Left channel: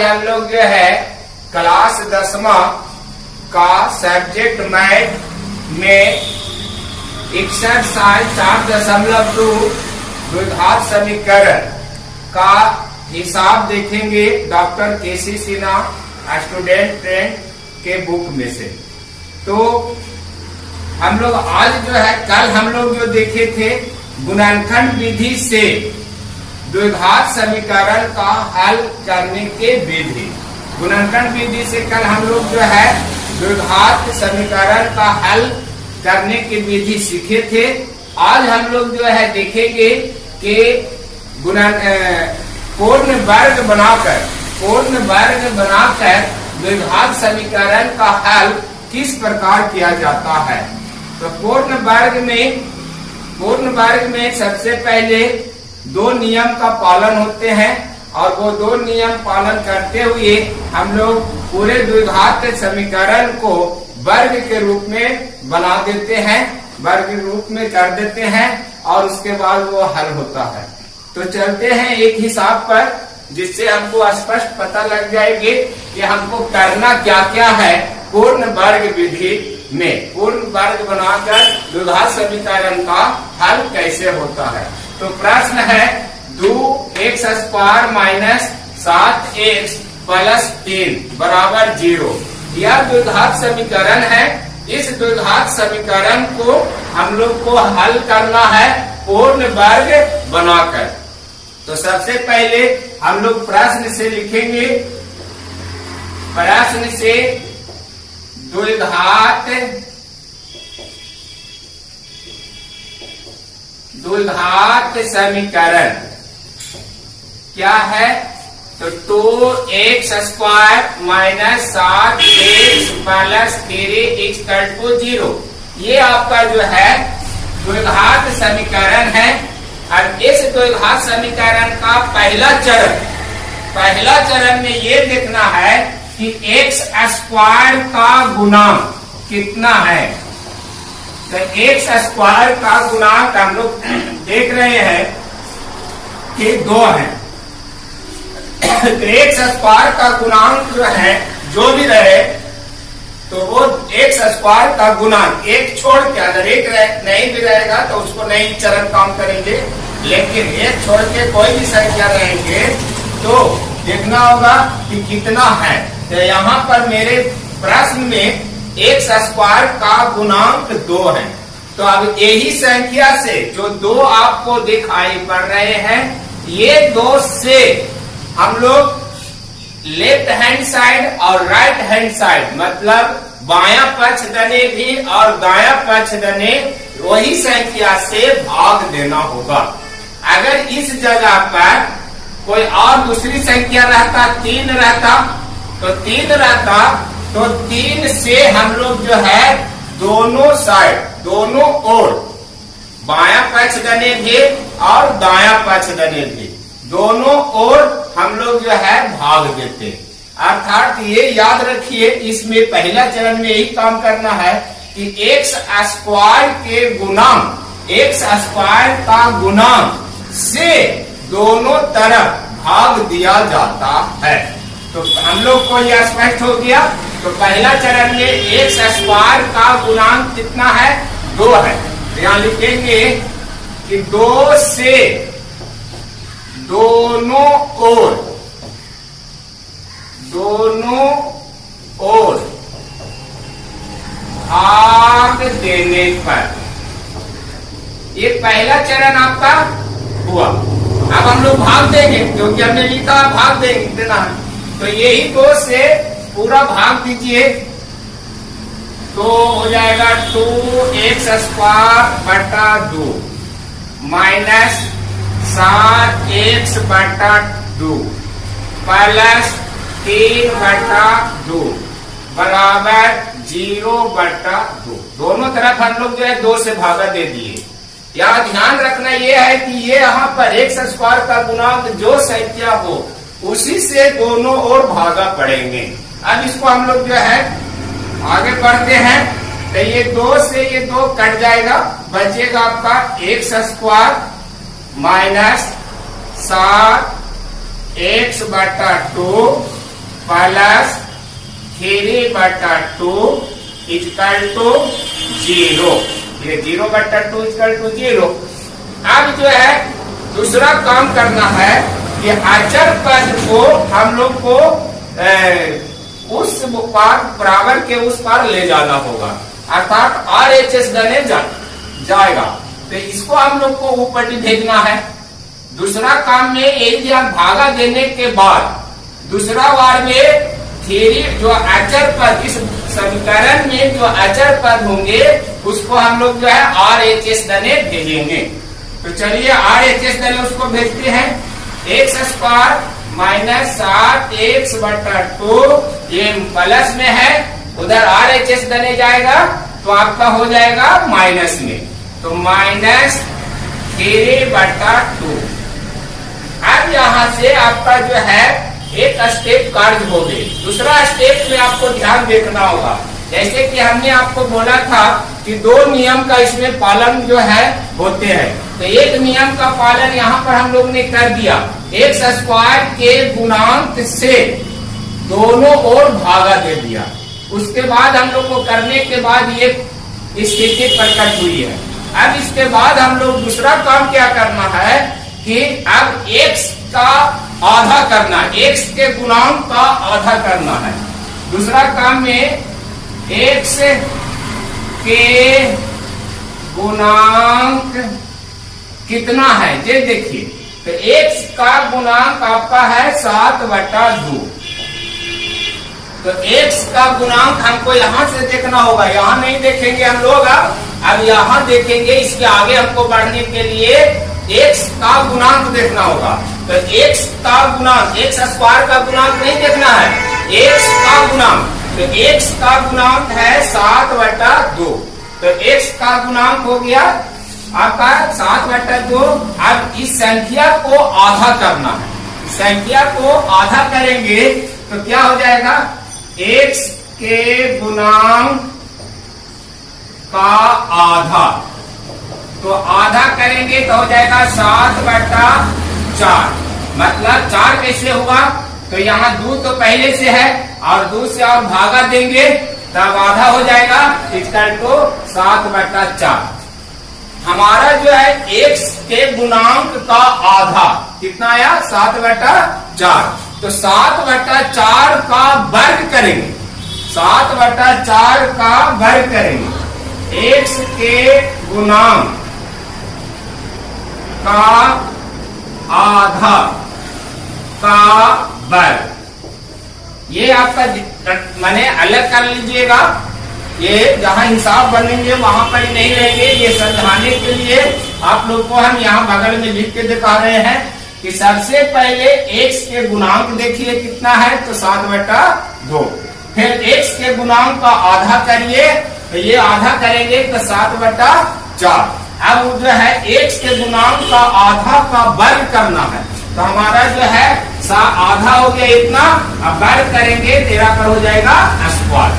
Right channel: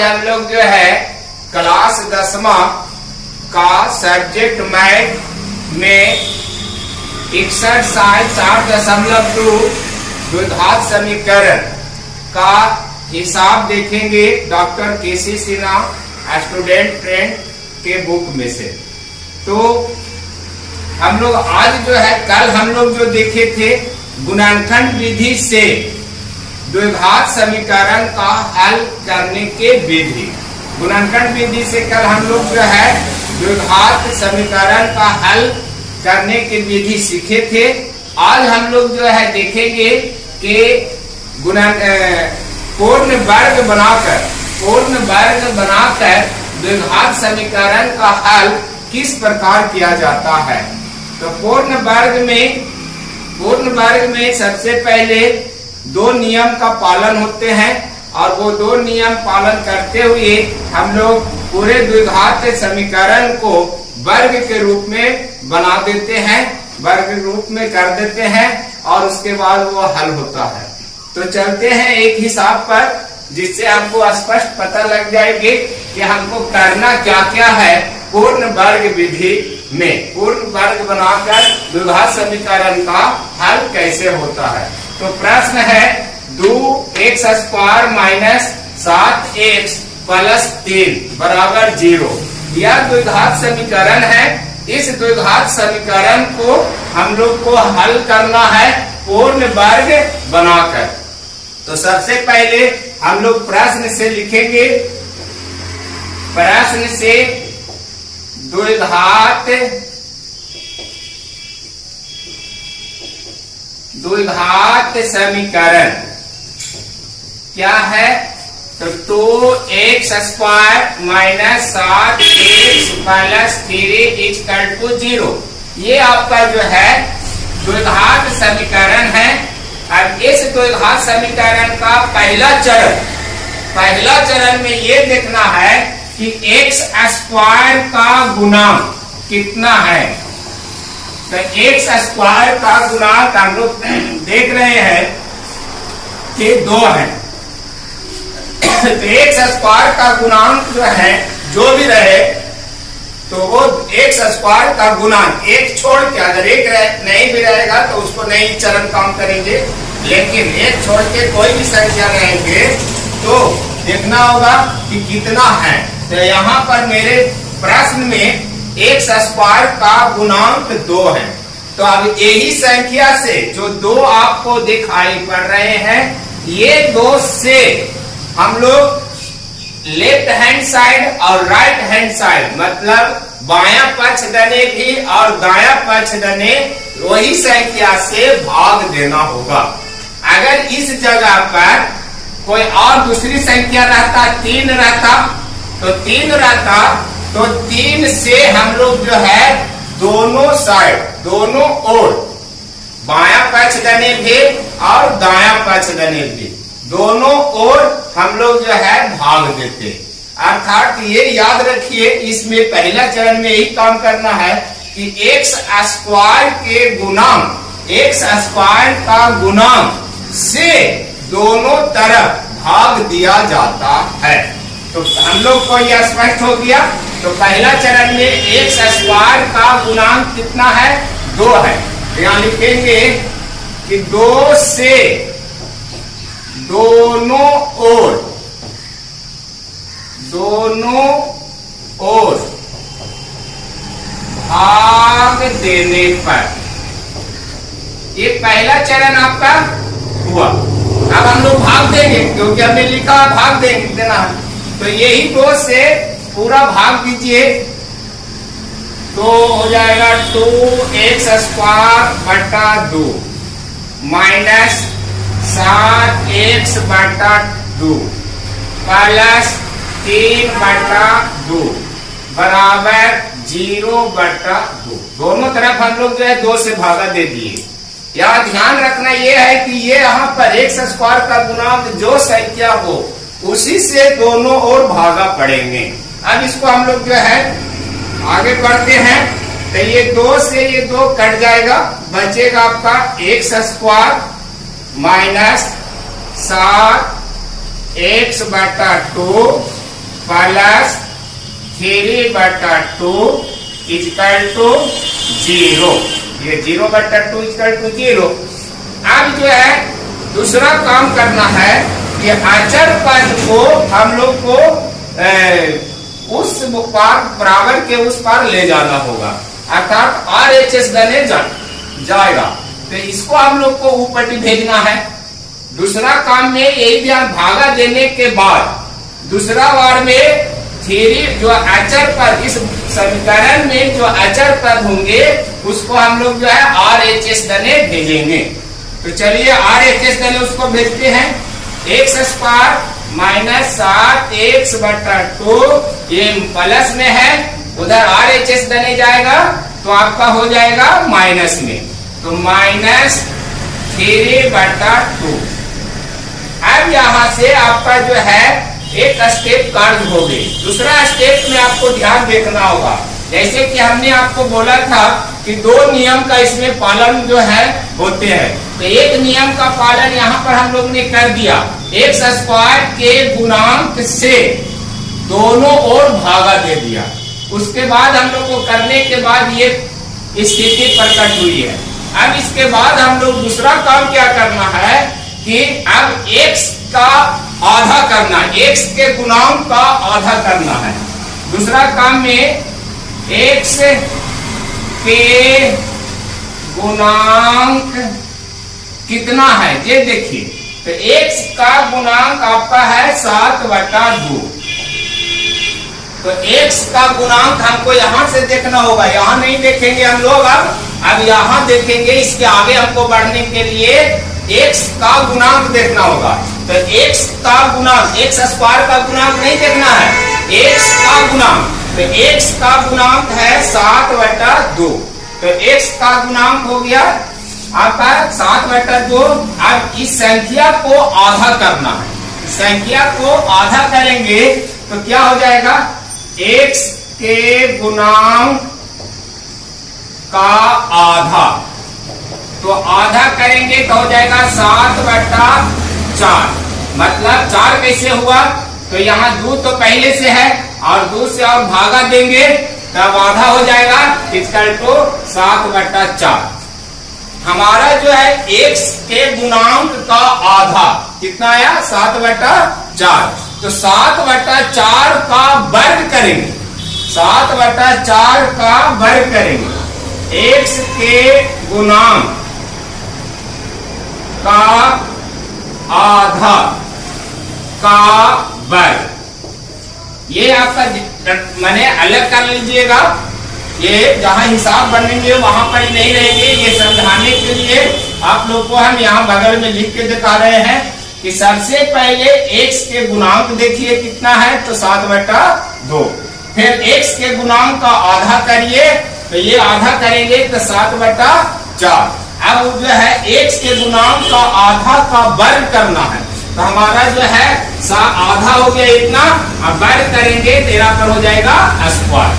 आज हम लोग जो है क्लास 10वां का सब्जेक्ट मैथ में एक्सरसाइज 4.2 द्विघात समीकरण का हिसाब देखेंगे डॉक्टर केसी सिन्हा स्टूडेंट ट्रेंड के बुक में से। तो हम लोग आज जो है, कल हम लोग जो देखे थे गुणनखंड विधि से द्विघात समीकरण का हल करने के विधि। गुणनखंड विधि से कल हम लोग जो है द्विघात समीकरण का हल करने की विधि सीखे थे। आज हम लोग जो है देखेंगे कि पूर्ण वर्ग बनाकर द्विघात समीकरण का हल किस प्रकार किया जाता है। तो पूर्ण वर्ग में सबसे पहले दो नियम का पालन होते हैं और वो दो नियम पालन करते हुए हम लोग पूरे द्विघात समीकरण को वर्ग के रूप में बना देते हैं, वर्ग रूप में कर देते हैं और उसके बाद वो हल होता है। तो चलते हैं एक हिसाब पर, जिससे हमको स्पष्ट पता लग जाएगी कि हमको करना क्या क्या है पूर्ण वर्ग विधि में। पूर्ण वर्ग बनाकर द्विघात समीकरण का हल कैसे होता है। तो प्रश्न है 2x² - 7x + 3 = 0। यह द्विघात समीकरण है। इस द्विघात समीकरण को हम लोग को हल करना है पूर्ण वर्ग बनाकर। तो सबसे पहले हम लोग प्रश्न से लिखेंगे। प्रश्न से द्विघात समीकरण क्या है। तो 2x² - 7x + 3 = 0। ये आपका जो है द्विघात समीकरण है। और इस द्विघात समीकरण का पहला चरण में ये देखना है कि x² का गुणांक कितना है। तो x² का गुणांक हम लोग देख रहे हैं कि 2 है। तो x² का गुणांक जो है, जो भी रहे, तो वो x² का गुणांक एक छोड़ के, अगर एक नहीं भी रहेगा तो उसको नहीं चरण काम करेंगे, लेकिन एक छोड़ के कोई भी संख्या रहेंगे तो देखना होगा कि कितना है। तो यहाँ पर मेरे प्रश्न में x² का गुणांक 2 है। तो अब यही संख्या से जो 2 आपको दिखाई पड़ रहे हैं, ये 2 से हम लोग लेफ्ट हैंड साइड और राइट हैंड साइड, मतलब बायां पक्ष दने भी और दायां पक्ष दने, वही संख्या से भाग देना होगा। अगर इस जगह पर कोई और दूसरी संख्या रहता, 3 रहता, तो 3 से हम लोग जो है दोनों साइड, दोनों ओर, बायां पक्ष दने भी और दायां पक्ष दने भी, दोनों ओर हम लोग जो है भाग देते। अर्थात ये याद रखिए, इसमें पहला चरण में यही काम करना है कि x² के गुणांक, x² का गुणांक से दोनों तरफ भाग दिया जाता है। तो हम लोग को यह स्पष्ट हो गया। तो पहला चरण में x² का गुणांक कितना है, 2 है। यहाँ लिखेंगे कि 2 से दोनों ओर भाग देने पर, ये पहला चरण आपका हुआ। अब हम लोग भाग देंगे, क्योंकि हमने लिखा भाग देना है। तो यही 2 से पूरा भाग दीजिए, तो हो जाएगा 2x² / 2 - 7x / 2 + 3/2 = 0/2। दोनों तरफ हम लोग जो है 2 से भागा दे दिए। यहाँ ध्यान रखना ये है कि ये यहाँ पर x² का गुणांक जो संख्या हो उसी से दोनों ओर भागा पड़ेंगे। अब इसको हम लोग जो है आगे बढ़ते हैं। तो ये 2 से ये 2 कट जाएगा, बचेगा आपका x² - 7x / 2 plus 3/2 equal to 0। ये 0/2 इक्वल टू 0। अब जो है दूसरा काम करना है कि अचर पद को हम लोग को उस पार बराबर के उस पार ले जाना होगा, अर्थात RHS गने जाएगा। तो इसको हम लोग को ऊपर भेजना है। दूसरा काम में यही ध्यान, भागा देने के बाद दूसरा बार में थ्री जो अचर पद, इस समीकरण में जो अचर पद होंगे उसको हम लोग जो है RHS गने भेजेंगे। तो चलिए RHS गने उसको भेजते हैं। x² माइनस 7x/2 ये प्लस में है, उधर RHS देने जाएगा तो आपका हो जाएगा माइनस में, तो माइनस 3/2। अब यहां से आपका जो है एक स्टेप कार्य हो गए। दूसरा स्टेप में आपको ध्यान देखना होगा, जैसे कि हमने आपको बोला था कि दो नियम का इसमें पालन जो है होते हैं। तो एक नियम का पालन यहाँ पर हम लोग ने कर दिया, x² के गुणांक से दोनों ओर भागा दे दिया। उसके बाद हम लोग को करने के बाद ये स्थिति प्रकट हुई है। अब इसके बाद हम लोग दूसरा काम क्या करना है कि अब x का आधा करना, x के गुणांक का आधा करना है। दूसरा काम में x के गुणांक कितना है ये देखिए, तो x का गुणांक आपका है 7/2। तो x का गुणांक हमको यहां से देखना होगा, यहां नहीं देखेंगे हम लोग, अब यहां देखेंगे। इसके आगे हमको बढ़ने के लिए x का गुणांक देखना होगा। तो x का गुणांक, x² का गुणांक नहीं देखना है, x का गुणांक। तो x का गुणांक है 7/2। तो x का गुणांक हो गया आपका 7/2। अब इस संख्या को आधा करना है, संख्या को आधा करेंगे तो क्या हो जाएगा, x के गुणांक का आधा, तो आधा करेंगे तो हो जाएगा 7/4। मतलब 4 कैसे हुआ, तो यहाँ 2 तो पहले से है और 2 से और भागा देंगे तब आधा हो जाएगा, इक्वल टू 7/4। हमारा जो है x के गुणांक का आधा कितना आया, 7/4। तो 7/4 का वर्ग करेंगे, 7/4 का वर्ग करेंगे। x के गुणांक का आधा का वर्ग, ये आपका माने अलग कर लीजिएगा। ये जहां हिसाब बनेंगे वहां पर ही नहीं रहेंगे। ये समझाने के लिए आप लोग को हम यहाँ बगल में लिख के दिखा रहे हैं कि सबसे पहले x के गुणांक देखिए कितना है, तो 7/2। फिर x के गुणांक का आधा करिए, तो ये आधा करेंगे तो 7/4। अब जो है x के गुणांक का आधा का वर्ग करना है, तो हमारा जो है आधा हो गया इतना, अब वर्ग करेंगे तेरा पर हो जाएगा स्क्वायर।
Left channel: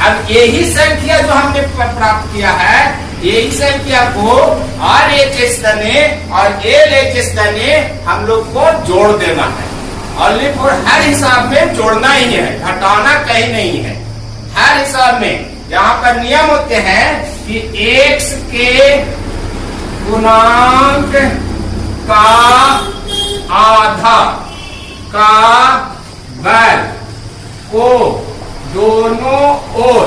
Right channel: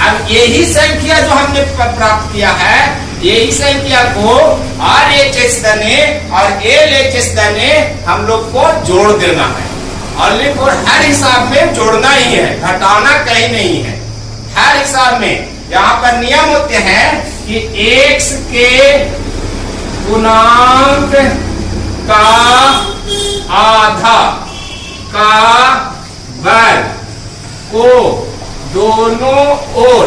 अब यही संख्या जो हमने प्राप्त किया है, यही संख्या को RHS गने और LHS गने हम लोग को जोड़ देना है। और हर हिसाब में जोड़ना ही है, घटाना कहीं नहीं है। हर हिसाब में यहाँ पर नियम होते हैं कि x के गुणांक का आधा का वर्ग को दोनों ओर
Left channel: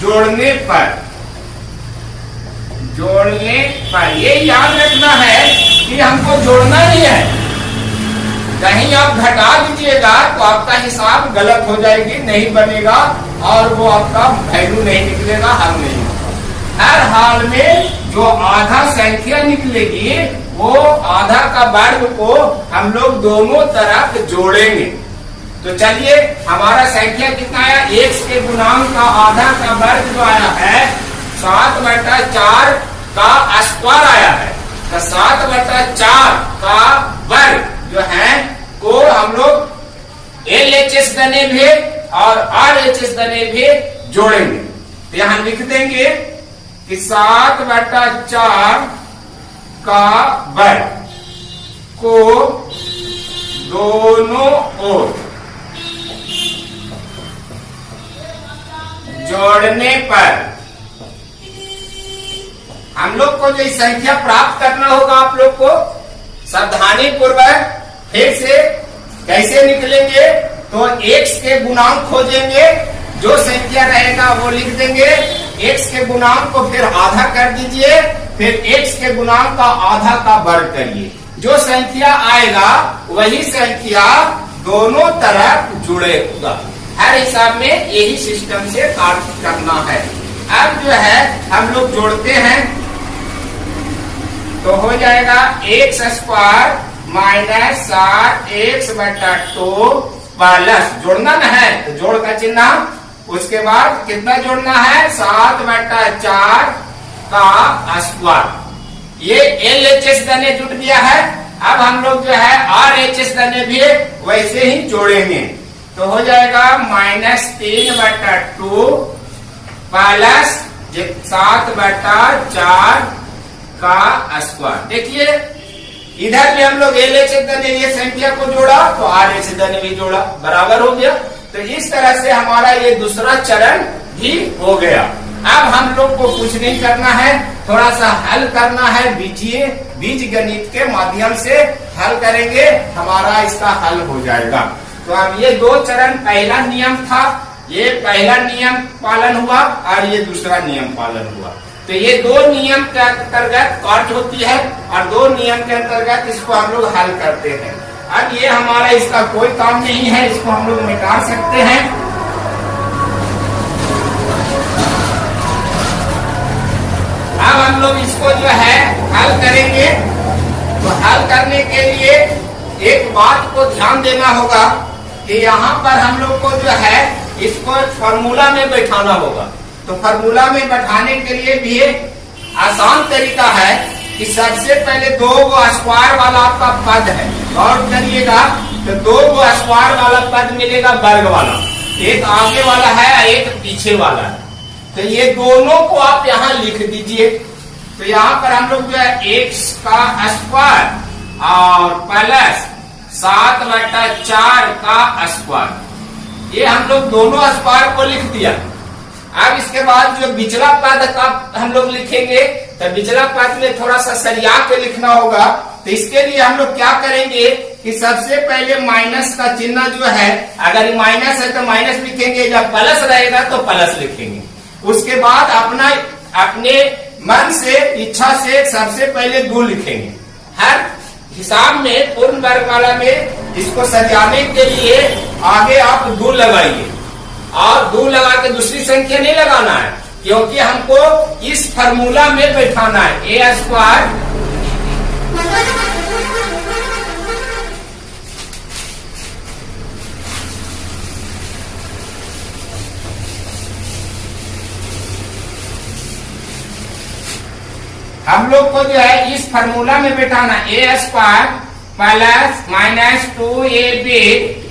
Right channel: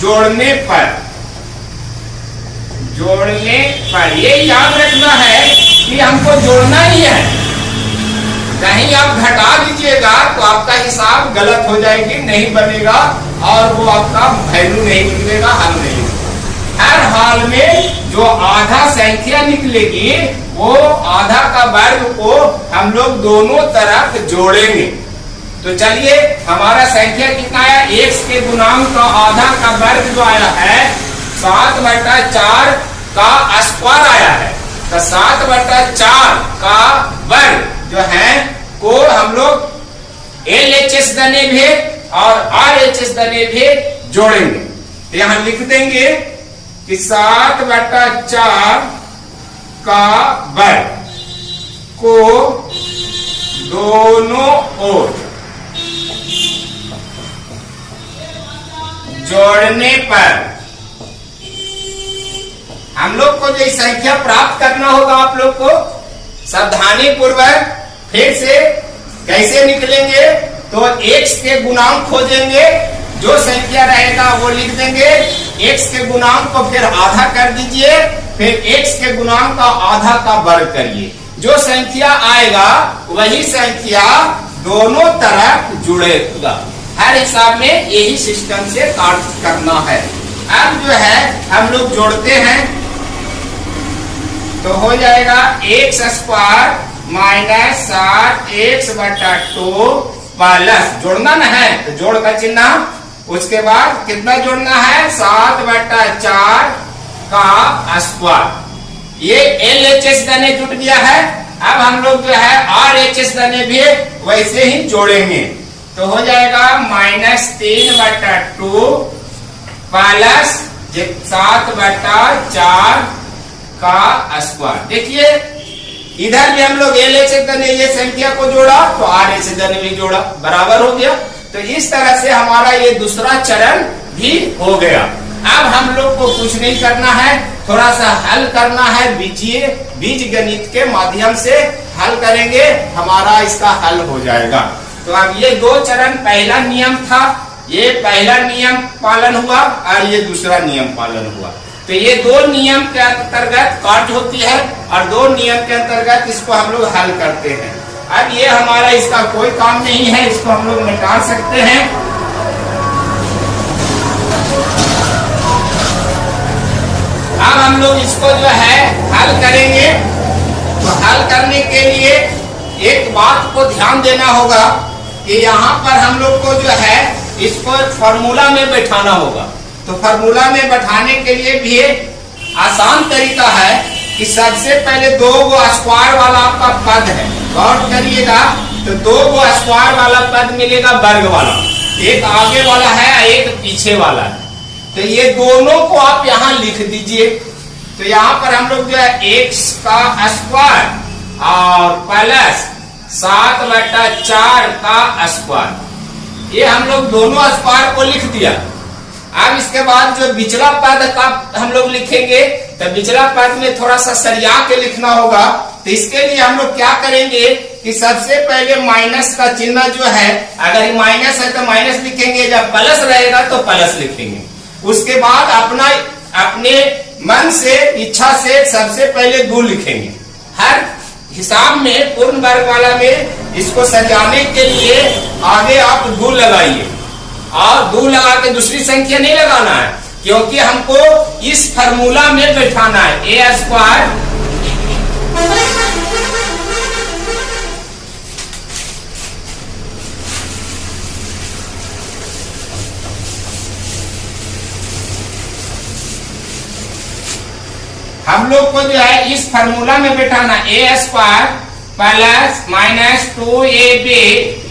जोड़ने पर ये याद रखना है कि हमको जोड़ना ही है। कहीं आप घटा दीजिएगा तो आपका हिसाब गलत हो जाएगी, नहीं बनेगा और वो आपका वैल्यू नहीं निकलेगा, हल नहीं होगा। हर हाल में जो आधा संख्या निकलेगी वो आधा का वर्ग को हम लोग दोनों तरफ जोड़ेंगे। तो चलिए हमारा संख्या कितना आया, x के गुणांक का आधा का वर्ग जो आया है 7/4 का स्क्वायर आया है। तो 7/4 का वर्ग जो है को हम लोग LHS गने भी और RHS गने भी जोड़ेंगे। तो यहां लिख देंगे कि 7/4 का वर्ग को दोनों ओर जोड़ने पर हम लोग को जो संख्या प्राप्त करना होगा, आप लोग को सावधानी पूर्वक फिर से कैसे निकलेंगे, तो x के गुणांक खोजेंगे, जो संख्या रहेगा वो लिख देंगे, x के गुणांक को फिर आधा कर दीजिए, फिर x के गुणांक का आधा का वर्ग करिए, जो संख्या आएगा वही संख्या दोनों तरफ जुड़ेगा। हर हिसाब में यही सिस्टम से कार्य करना है। अब जो है हम लोग जोड़ते हैं, तो हो जाएगा x square minus 7x/2 plus, जोड़ना ना है तो जोड़ का चिन्ह, उसके बाद कितना जोड़ना है 7/4 का स्क्वायर। ये LHS दने जुट गया है। अब हम लोग जो है RHS दने भी वैसे ही जोड़ेंगे, तो हो जाएगा -3/2 प्लस 7/4 का स्क्वायर। देखिए इधर भी हम लोग LHS दने ये संख्या को जोड़ा तो RHS दने भी जोड़ा, बराबर हो गया। तो इस तरह से हमारा ये दूसरा चरण भी हो गया। अब हम लोग को कुछ नहीं करना है, थोड़ा सा हल करना है, बीज गणित के माध्यम से हल करेंगे, हमारा इसका हल हो जाएगा। तो अब ये दो चरण, पहला नियम था, ये पहला नियम पालन हुआ और ये दूसरा नियम पालन हुआ। तो ये दो नियम के अंतर्गत कार्य होती है और दो नियम के अंतर्गत इसको हम लोग हल करते हैं। अब ये हमारा इसका कोई काम नहीं है, इसको हम लोग मिटा सकते हैं। अब हम लोग इसको जो है हल करेंगे, तो हल करने के लिए एक बात को ध्यान देना होगा कि यहाँ पर हम लोग को जो है इसको फॉर्मूला में बैठाना होगा। तो फॉर्मूला में बैठाने के लिए भी आसान तरीका है कि सबसे पहले दो गो स्क्वायर वाला आपका पद है, गौर करिएगा, तो दो गो स्क्वायर वाला पद मिलेगा वर्ग वाला, एक आगे वाला है एक पीछे वाला है। तो ये दोनों को आप यहाँ लिख दीजिए। तो यहाँ पर हम लोग जो है x का स्क्वायर और प्लस 7/4 का स्क्वायर, ये हम लोग दोनों स्क्वायर को लिख दिया। अब इसके बाद जो बिचला पद का हम लोग लिखेंगे, तो बिचला पद में थोड़ा सा सरिया के लिखना होगा। तो इसके लिए हम लोग क्या करेंगे कि सबसे पहले माइनस का चिन्ह जो है, अगर माइनस है तो माइनस लिखेंगे, जब प्लस रहेगा तो प्लस लिखेंगे। उसके बाद अपने मन से, इच्छा से सबसे पहले 2 लिखेंगे। हर हिसाब में पूर्ण वर्ग वाला में इसको सजाने के लिए आगे आप 2 लगाइए, और 2 लगा के दूसरी संख्या नहीं लगाना है, क्योंकि हमको इस फार्मूला में बैठाना है। ए स्क्वायर हम लोग को जो है इस फार्मूला में बैठाना, a square plus -2ab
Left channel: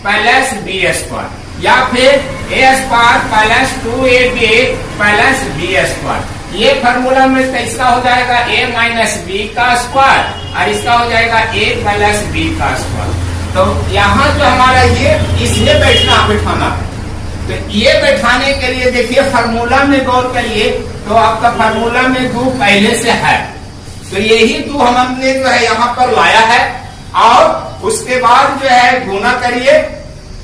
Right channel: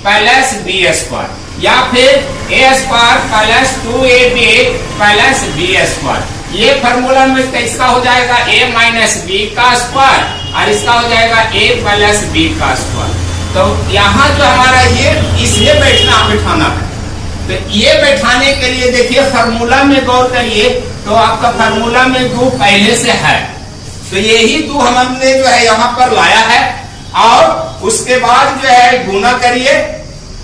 plus b square, या फिर a square plus 2ab plus b square. ये फार्मूला में तो इसका हो जाएगा a माइनस बी का स्क्वायर और इसका हो जाएगा a प्लस बी का स्क्वायर। तो यहाँ जो हमारा ये इसमें बैठाना है। तो ये बैठाने के लिए देखिए फार्मूला में गौर करिए, तो आपका फार्मूला में 2 पहले से है, तो यही 2 हमने जो है यहाँ पर लाया है, और उसके बाद जो है गुना करिए।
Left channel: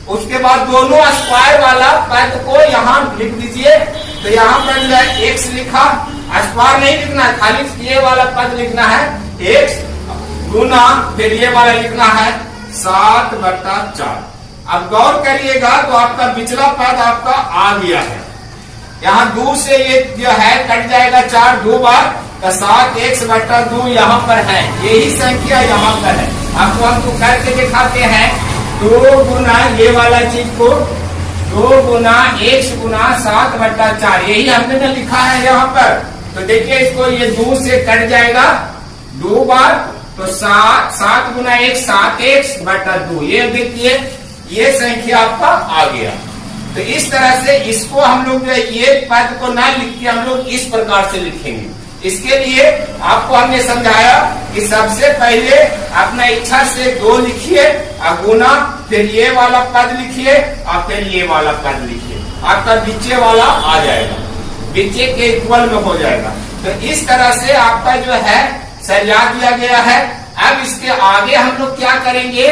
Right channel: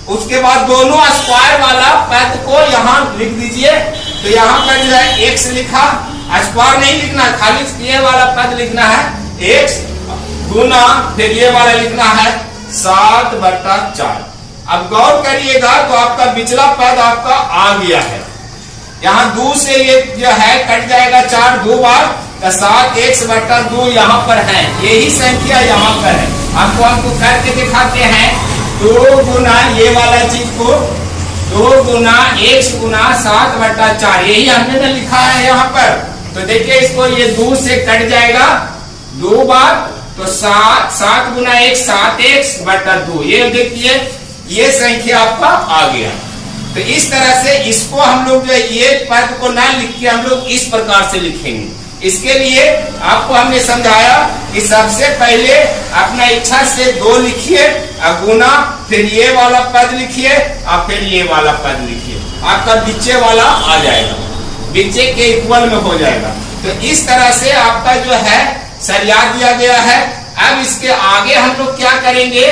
उसके बाद दोनों स्क्वायर वाला पद को यहाँ लिख दीजिए। तो यहाँ पर जो है x लिखा, स्क्वायर नहीं लिखना, खाली ये वाला पद लिखना है, x गुना फिर ये वाला लिखना है 7/4। अब गौर करिएगा तो आपका पिछला पद आपका आ गया है। यहाँ 2 से ये जो है कट जाएगा 4 2 बार, तो 7x/2 यहाँ पर है, यही संख्या यहाँ पर है। आपको हमको करके दिखाते हैं, 2 गुना ये वाला चीज को 2 गुना x गुना 7/4, यही हमने ना लिखा है यहाँ पर। तो देखिए इसको ये 2 से कट जाएगा 2 बार, तो 7 गुना 1 7x/2, ये देखिए ये संख्या आपका आ गया। तो इस तरह से इसको हम लोग जो ये पद को ना लिख के हम लोग इस प्रकार से लिखेंगे। इसके लिए आपको हमने समझाया कि सबसे पहले अपना इच्छा से 2 लिखिए और गुना, फिर ये वाला पद लिखिए और फिर ये वाला पद लिखिए, आपका बीचे वाला आ जाएगा, बीचे के इक्वल में हो जाएगा। तो इस तरह से आपका जो है सरिया दिया गया है। अब इसके आगे हम लोग क्या करेंगे,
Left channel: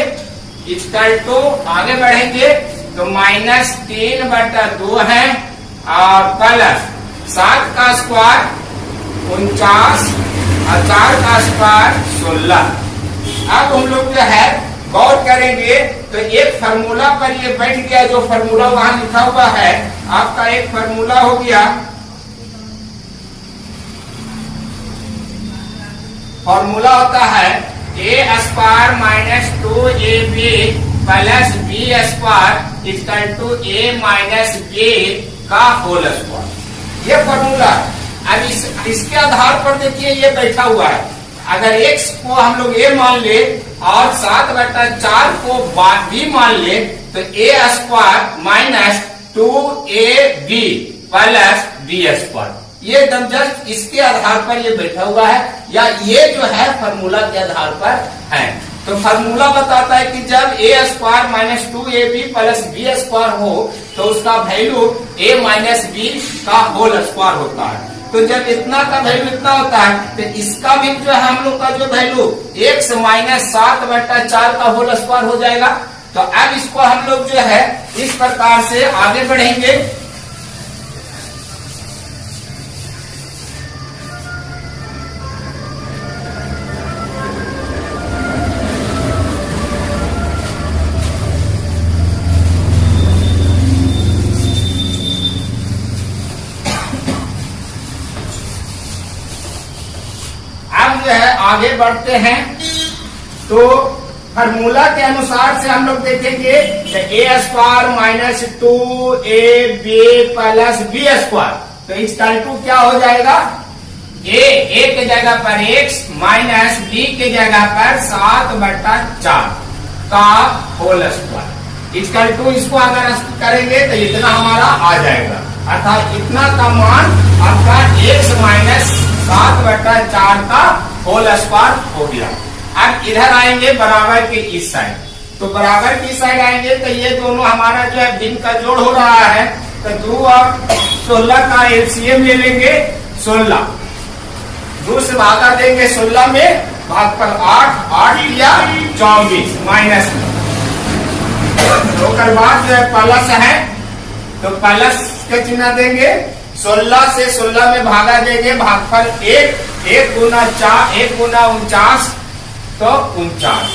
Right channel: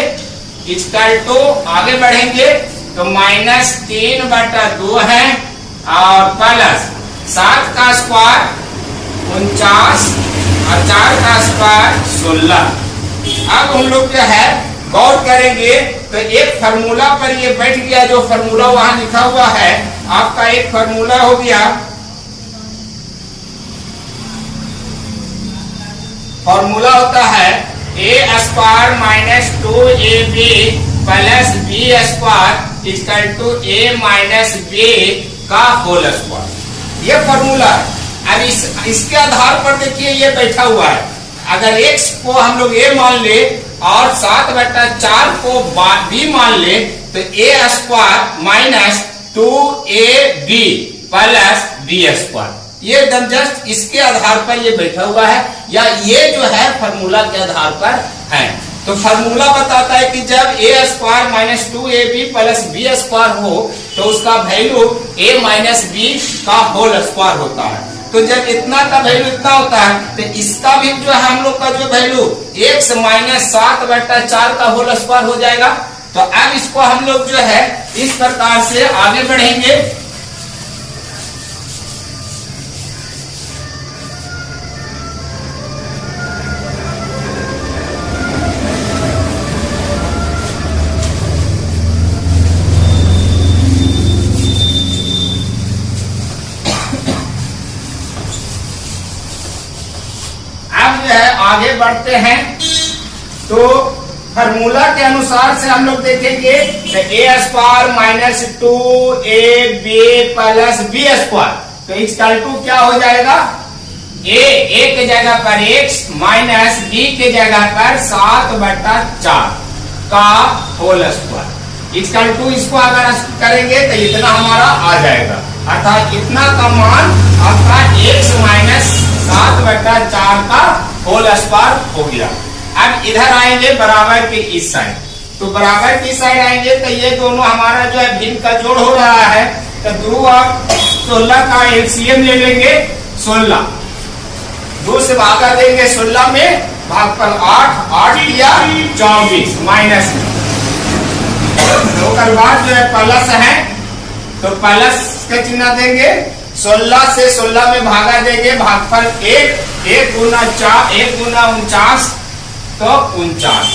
इक्वल टू आगे बढ़ेंगे तो -3/2 है और प्लस 7 का स्क्वायर 49 और 4 का स्क्वायर 16। अब हम लोग जो है गौर करेंगे तो एक फार्मूला पर ये बैठ गया, जो फार्मूला वहां लिखा हुआ है आपका एक फार्मूला हो गया, फार्मूला होता है a² - 2ab plus b² equal to a - b का होल स्क्वायर। ये फार्मूला। अब इसके आधार पर देखिए ये बैठा हुआ है, अगर x को हम लोग a मान ले और 7/4 को b मान ले तो a² - 2ab प्लस b²। ये जस्ट इसके आधार पर ये बैठा हुआ है, या ये जो है फार्मूला के आधार पर है। तो फार्मूला बताता है कि जब a² - 2ab प्लस b² हो तो उसका वैल्यू a - b का होल स्क्वायर होता है। तो जब इतना का वैल्यू इतना होता है तो इसका भी जो है हम लोग का जो वैल्यू x - 7/4 का होल स्क्वायर हो जाएगा। तो अब इसको हम लोग जो है इस प्रकार से आगे बढ़ेंगे। आगे बढ़ते हैं तो फार्मूला के अनुसार से हम लोग देखेंगे तो a² - 2ab प्लस b²। तो इक्वल टू क्या हो जाएगा, a के जगह पर x माइनस b के जगह पर 7/4 का होल स्क्वायर इक्वल टू, इसको अगर करेंगे तो इतना हमारा आ जाएगा, अर्थात इतना का मान आपका x माइनस 7/4 का होल स्क्वायर हो गया। अब इधर आएंगे बराबर के इस साइड, तो बराबर की साइड आएंगे तो ये दोनों हमारा जो है भिन्न का जोड़ हो रहा है। तो 2 और 16 का एलसीएम ले लेंगे, 16 2 से भागा देंगे 16 में, भागफल 8 या 24 माइनस में। बाद जो है प्लस है तो प्लस का चिन्ह देंगे, 16 से 16 में भागा देंगे, भागफल 1 गुना 49 तो 49।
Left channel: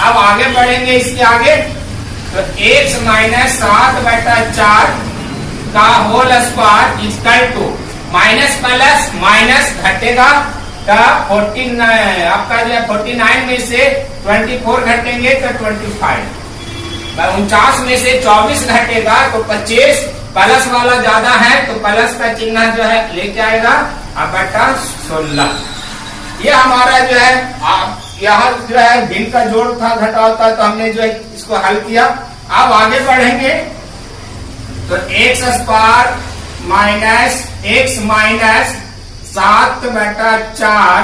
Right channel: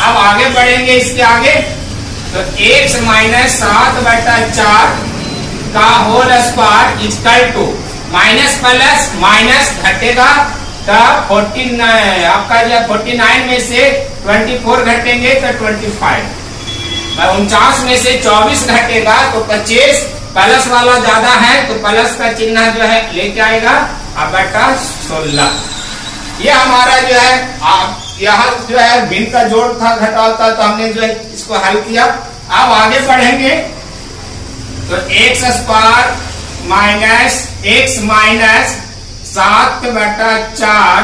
अब आगे बढ़ेंगे, इसके आगे तो x - 7/4 का whole square equal to minus plus minus घटेगा तो 49, आपका जो 49 में से 24 घटेंगे तो 25, 49 में से 24 घटेगा तो 25, प्लस वाला ज्यादा है तो प्लस का चिन्ह जो है लेके आएगा अब बटा 16। ये हमारा जो है यहाँ जो है भिन्न का जोड़ था, घटाव था, तो हमने जो है इसको हल किया। अब आगे बढ़ेंगे तो x² माइनस x माइनस 7/4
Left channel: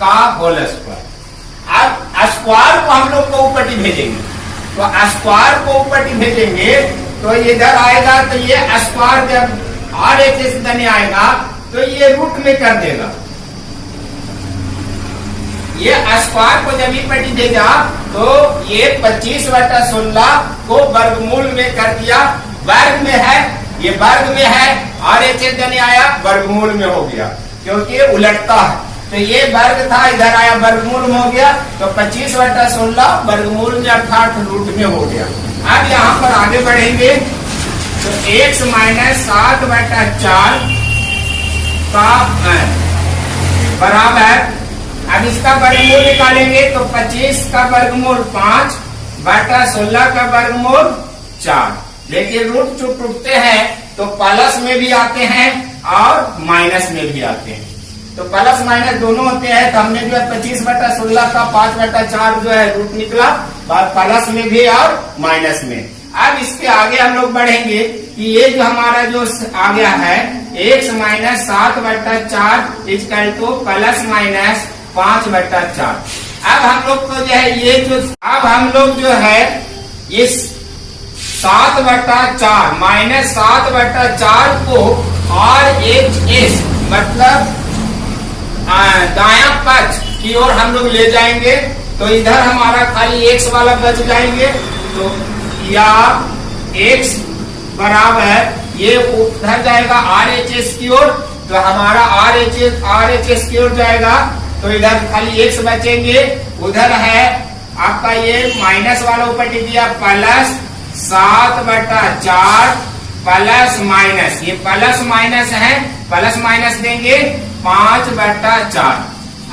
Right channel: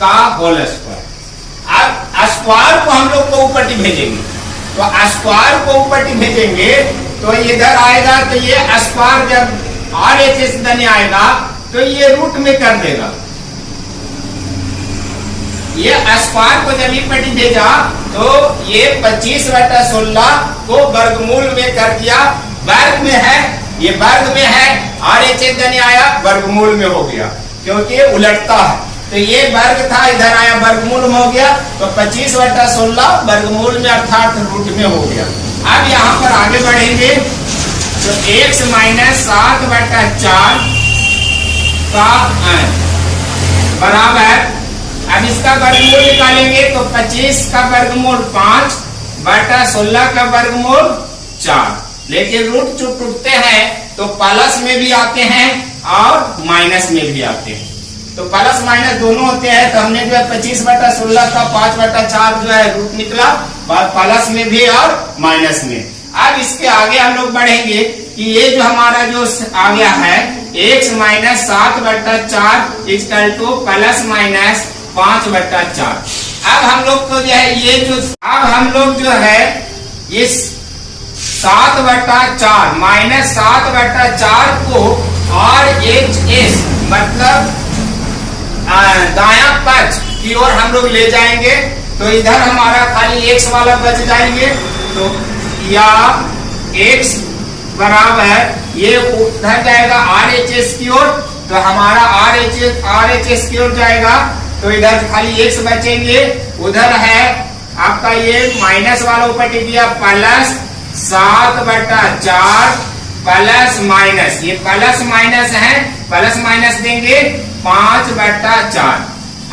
का होल स्क्वायर। अब स्क्वायर को हम लोग को ऊपर भेजेंगे, तो स्क्वायर को ऊपर भेजेंगे तो इधर आएगा, तो ये स्क्वायर जब RHS देने आएगा तो ये रूट में कर देगा। ये स्क्वायर को जब पटी भेजा तो ये 25/16 को वर्गमूल में कर दिया, वर्ग में है, ये वर्ग में है, RHS देने आया वर्गमूल में हो गया, क्योंकि ये उलटता है। तो ये वर्ग था, इधर आया वर्गमूल में हो गया, तो 25/16 वर्गमूल में अर्थात रूट में हो गया। अब यहाँ पर आगे बढ़ेंगे तो x माइनस 7/4 का बराबर, अब इसका वर्गमूल निकालेंगे तो 25 का वर्गमूल 5/16 का वर्गमूल 4, लेकिन रूट टूटते हैं तो प्लस में भी आते हैं और माइनस में भी आते हैं, तो प्लस माइनस दोनों होते हैं। तो हमने जो है 25/16 का 5/4 जो है रूट निकला, प्लस में भी और माइनस में। अब इसके आगे हम लोग बढ़ेंगे कि ये जो हमारा जो आ गया है x minus 7/4 equal two plus minus 5/4। अब हम लोग को जो है ये जो अब हम लोग जो है इस 7/4 माइनस 7/4 को RHS मतलब दायां पक्ष की ओर हम लोग ले जाएंगे तो इधर हमारा खाली x वाला बच जाएंगे। तो या x बराबर ये उधर जाएगा RHS की ओर, तो हमारा RHS की ओर जाएगा तो इधर खाली x बचेंगे। उधर है आपका ये माइनस वाला ऊपर टिक दिया प्लस 7/4 प्लस माइनस, ये प्लस माइनस है, प्लस माइनस देंगे 5/4।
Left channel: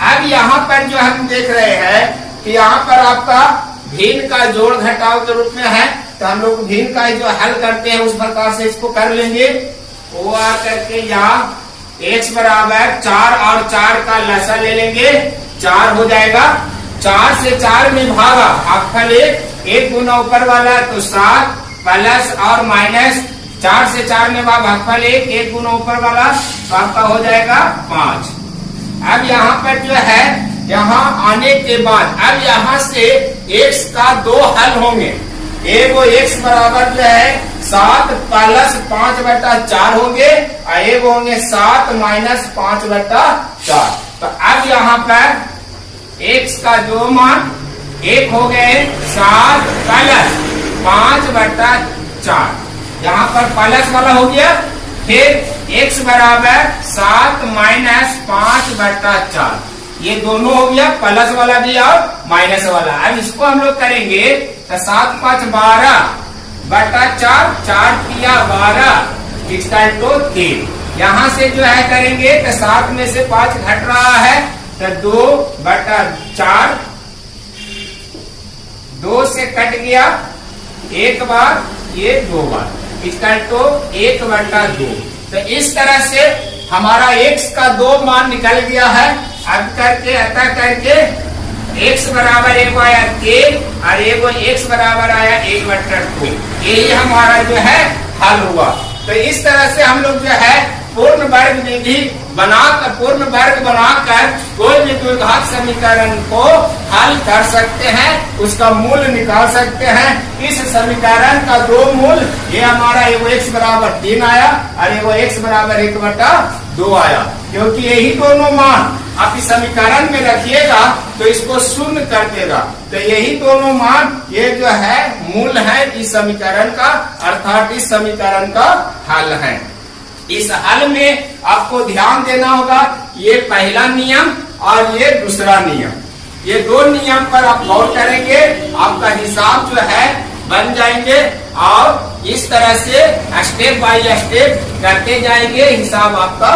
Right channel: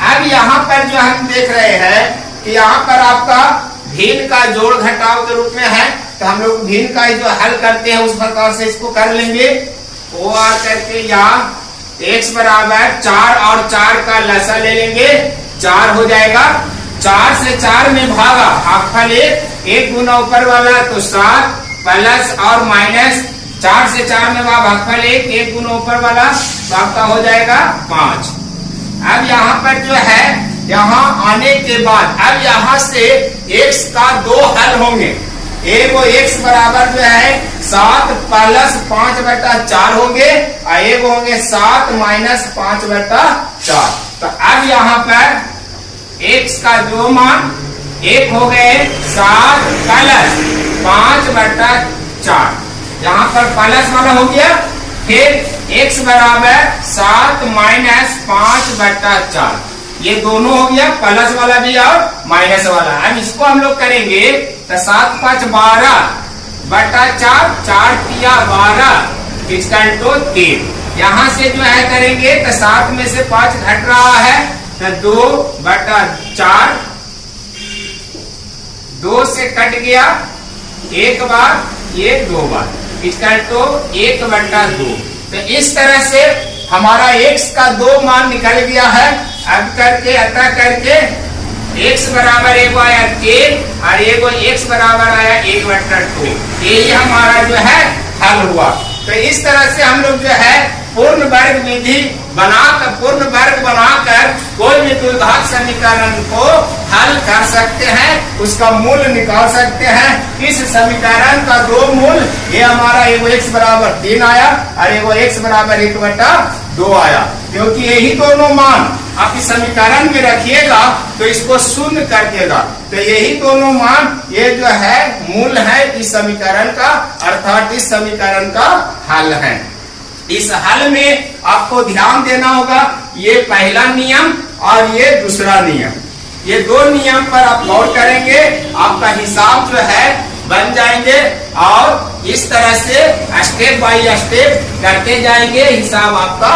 अब यहाँ पर जो हम देख रहे हैं कि यहाँ पर आपका भिन्न का जोड़ घटाव के रूप में है, तो हम लोग भिन्न का जो हल करते हैं उस प्रकार से इसको कर लेंगे। ओ आर करके यहाँ x बराबर 4 और 4 का लसा ले लेंगे, 4 हो जाएगा। 4 से 4 में भागा भागफल 1 गुना ऊपर वाला तो 7 प्लस और माइनस 4 से 4 में भागफल 1 गुना ऊपर वाला तो आपका हो जाएगा 5। अब यहाँ पर जो है यहाँ आने के बाद अब यहाँ से x का 2 हल होंगे। एक वो x बराबर जो है 7 प्लस 5/4 होंगे और एक होंगे 7 माइनस 5/4। तो अब यहाँ पर x का जो मान एक हो गए 7 प्लस 5/4, यहाँ पर प्लस वाला हो गया। फिर x बराबर 7 माइनस 5/4, ये दोनों हो गया, प्लस वाला भी और माइनस वाला। अब इसको हम लोग करेंगे तो 7 5 12/4, 4 किया 12 इक्वल टू 3। यहाँ से जो है करेंगे तो 7 में से 5 घट रहा है तो 2/4, 2 से कट गया 1 बार, ये 2 बार इक्वल टू 1/2। तो इस तरह से हमारा x का 2 मान निकल गया है। अब करके अतः करके x बराबर एक आया 3 और एक x बराबर आया 1/2। यही हमारा जो है हल हुआ। तो इस तरह से हम लोग जो है पूर्ण वर्ग विधि बनाकर पूर्ण वर्ग बनाकर कोई भी द्विघात समीकरण को हल कर सकते हैं, उसका मूल निकाल सकते हैं। इस समीकरण का 2 मूल ये हमारा एगो x बराबर 3 आया और एगो x बराबर 1/2 आया, क्योंकि यही दोनों मान आप इस समीकरण में रखिएगा तो इसको शून्य कर देगा। तो यही दोनों मान ये जो है मूल है इस समीकरण का, अर्थात इस समीकरण का हल है। इस हल में आपको ध्यान देना होगा, ये पहला नियम और ये दूसरा नियम, ये 2 नियम पर आप गौर करेंगे, आपका हिसाब जो है बन जाएंगे और इस तरह से स्टेप बाय स्टेप करते जाएंगे, हिसाब आपका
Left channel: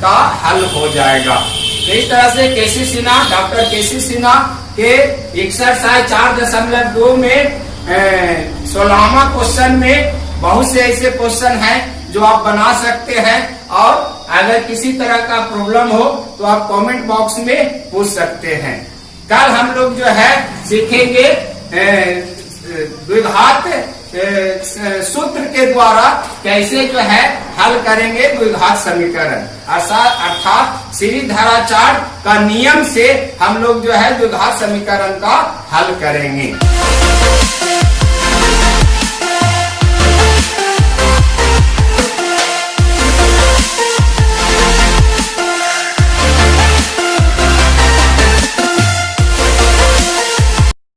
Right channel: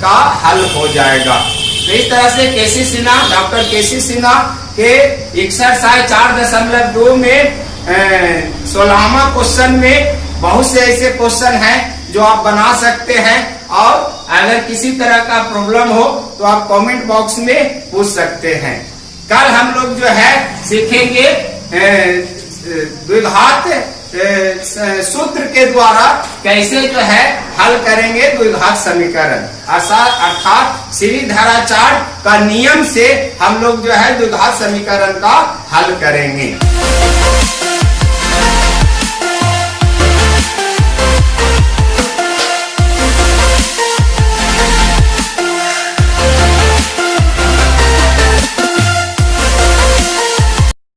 का हल हो जाएगा। तो इस तरह से केसी सिन्हा, डॉक्टर केसी सिन्हा के एक्सरसाइज 4.2 में 16वां क्वेश्चन में बहुत से ऐसे क्वेश्चन हैं जो आप बना सकते हैं, और अगर किसी तरह का प्रॉब्लम हो तो आप कमेंट बॉक्स में पूछ सकते हैं। कल हम लोग जो है सीखेंगे द्विघात सूत्र के द्वारा कैसे जो है हल करेंगे द्विघात समीकरण, अर्थात श्रीधराचार्य का नियम से हम लोग जो है द्विघात समीकरण का हल करेंगे।